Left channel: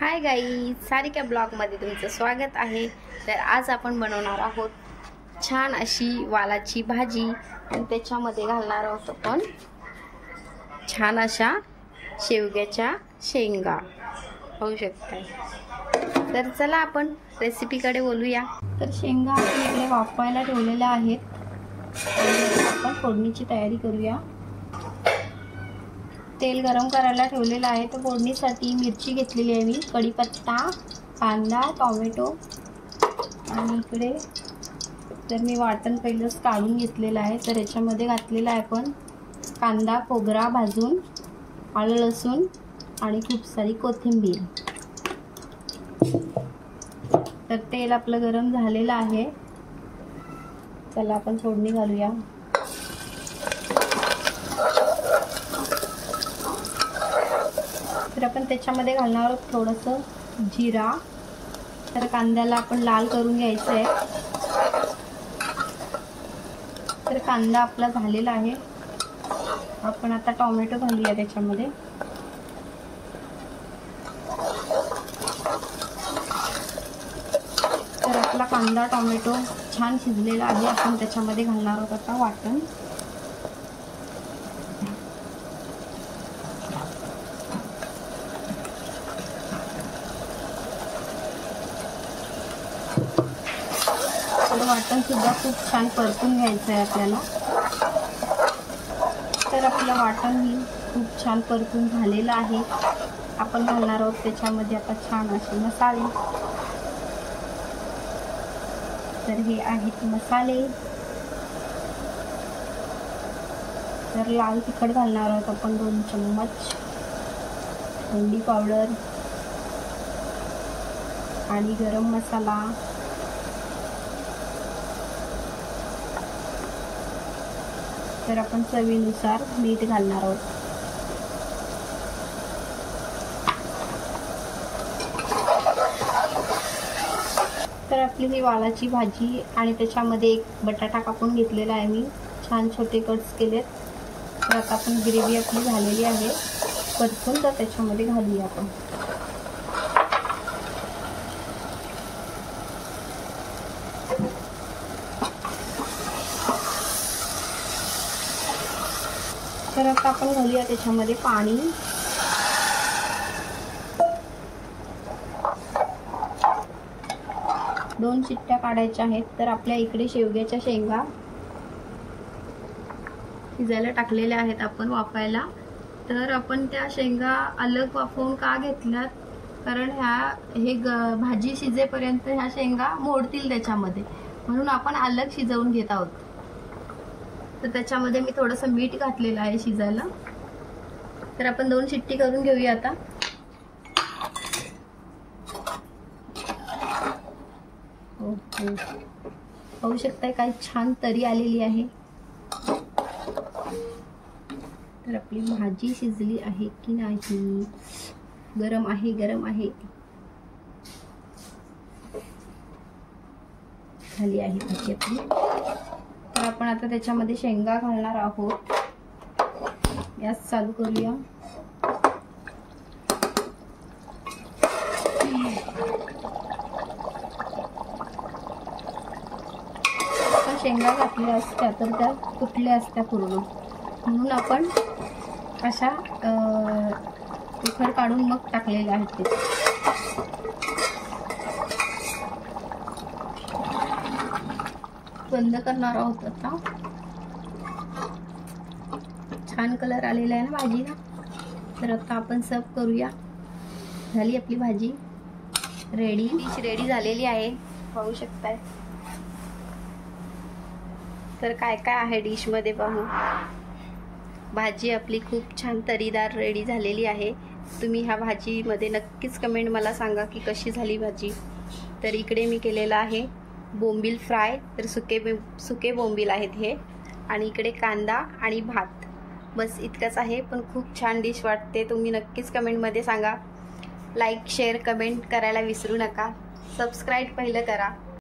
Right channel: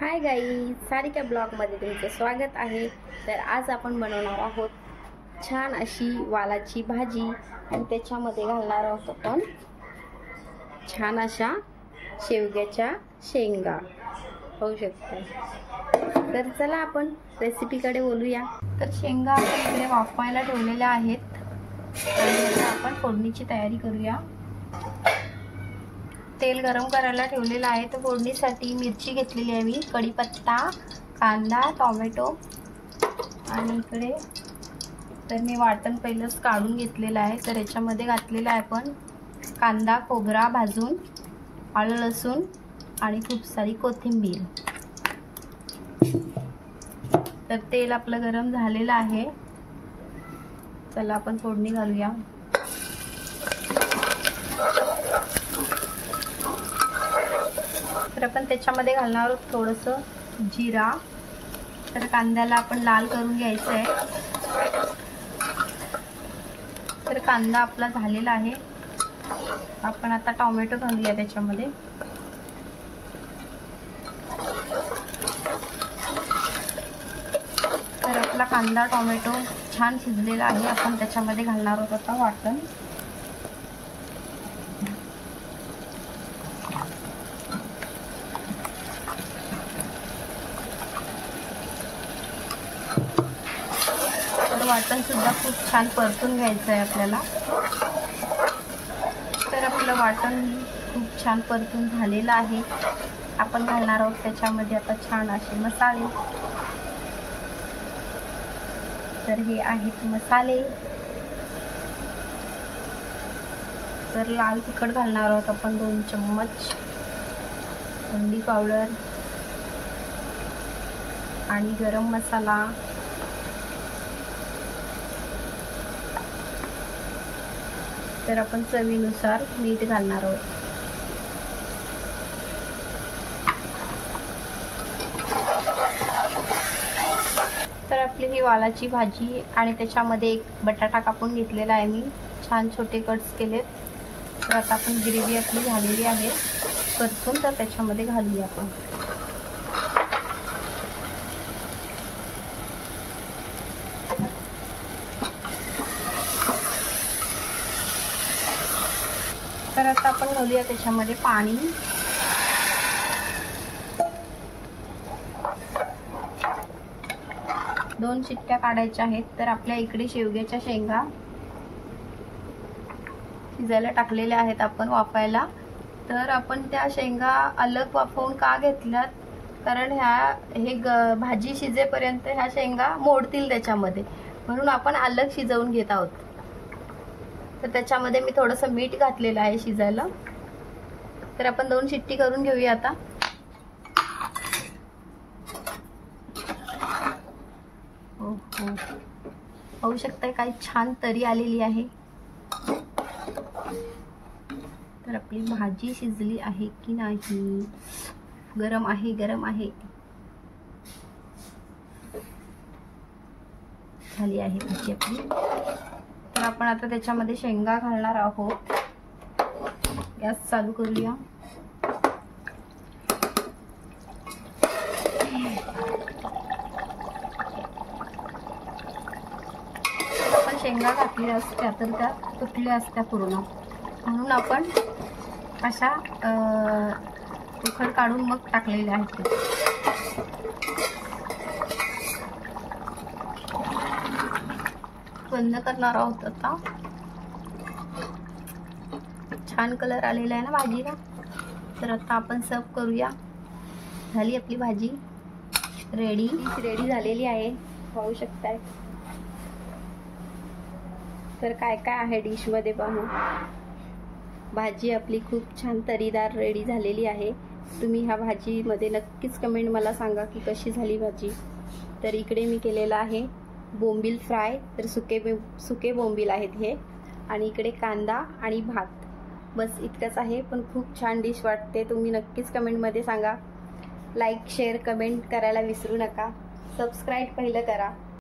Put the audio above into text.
हाय गाई, सारिका ब्लॉगमध्ये तुमचं स्वागत आहे। तर आज आपण बनवणार आहोत छान अशी वालाची भाजी आणि त्याच्यामध्ये घालणार आहोत आपण छान अशा शेवग्याच्या शेंगा। होऊ शकते। तर चला आपण रेसिपीकडे बोलूया। तर शेंगा आपण इकडे वाफवायला ठेवलेल्या आहेत। आपण फोडणीची तयारी करूया। तेल गरम करायला ठेवलेलं आहे। तर फोडणीसाठी मिरची घेतलेली आहे मी, कढीपत्ता, कांदा, टोमॅटो आणि इकडे तर मी वाटण पहिलेच काढून घेतलेलं आहे। तर याच्यामध्ये घातलेला आहे आपण कांदा, खोबरा भाजून, आलं, लसूण आणि खूप सारी कोथिंबीर। तर तेल आपलं गरम झालेलं आहे। चला आपण फोडणी घालूया। तर आपण त्याच्यामध्ये घालणार आहोत थोडंसं जिरा। तर कांद्याला आपण लाल करून घ्यायचं आहे। तर कांदा आपला झालेला आहे। आपण आता टोमॅटो घालूया त्याच्यामध्ये। तर आपला कांदा टोमॅटो छान शिजलेला आहे। आपण त्याच्यामध्ये घालणार आहोत आता वाटण। वाटण सुद्धा खूप छान परतून घ्यायचं आहे आपल्याला। तर आपलं वाटण खूप छान परतून झालेलं आहे। आपण घालणार आहोत त्याच्यामध्ये आता छान असे मसाले। तर हे आहेत मसाले। तर लाल तिखट घालणार आहोत आपण 2 चम्मच, हळदी पावडर आणि गरम मसाला। तर आपण चवीनुसार मीठ घालणार आहोत। तर आपली ही वालाची भाजी आणि त्याच्यामध्ये एक बटाटा कापून घेतलेला आहे मी, छान छोटे कट्स केलेत। तर आता आपण ग्रेव्ही आपली झालेली आहे परतून, तर त्याच्यामध्ये घालूया आपण। तर आता आपण घालूया त्याच्यामध्ये पाणी। दोन शिट्ट्या काढायच्या आहेत। तर आपल्या इकडे शेवग्याच्या शेंगा शिजायला टाकलेल्या आहेत आपण वाफायला। तर आपण त्या शेंगा अलग वाफवून का घेतल्यात, कारण हे भाजी शिजेपर्यंत ह्या शेंगा मोडतील त्याच्यामध्ये, म्हणून आपण अलग शिजवून घेत आहोत। तर त्याच्यामध्ये मी थोडंसं मीठ घातलेलं आहे शिजायला। तर आपण 2 शिट्टी करून घेऊया आता। होऊ शकतंय काय छान तरी आलेली आहे। तर आपली भाजी शिजली आहे की नाही, गरम आहे, गरम आहे, झाली आहे भाजी आपली। तर आपण आता त्याच्यामध्ये शेंगा घालणार आहोत। गॅस चालू करूया। आपण शेंगा घातल्या असत्या तर त्या तुटल्या असत्या पूर्ण, म्हणून आपण अशा उखड काढून मग टाकलेल्या आहेत ते। बंद करणार आहोत आता। छान कलर आलेला आहे ना भाजीला। तर आता आपण सर्व करूया। झाली आपली भाजी रेडी। डिश रेडी झालेली आहे, पाहू शकताय। तर काय काय आहे डिश मध्ये पाहू। भाजी आपली खूप छान तरीदार रेडी झालेली आहे। तुम्ही ह्या भाजीमध्ये नक्कीच कमेंट मला सांगा की कशी झाली भाजी। तर इकडे मी केलेला आहे बोंबील फ्राय। तर सुके बोंबील आहेत हे, आणि इकडे कांदा आणि भात, बस इतकंच आहे। पण खूप छान डिश वाटते। तुम्ही नक्कीच कमेंटमध्ये सांगा। लाईक, शेअर, कमेंट करायला विसरू नका। सबस्क्राईब पहिलं करा।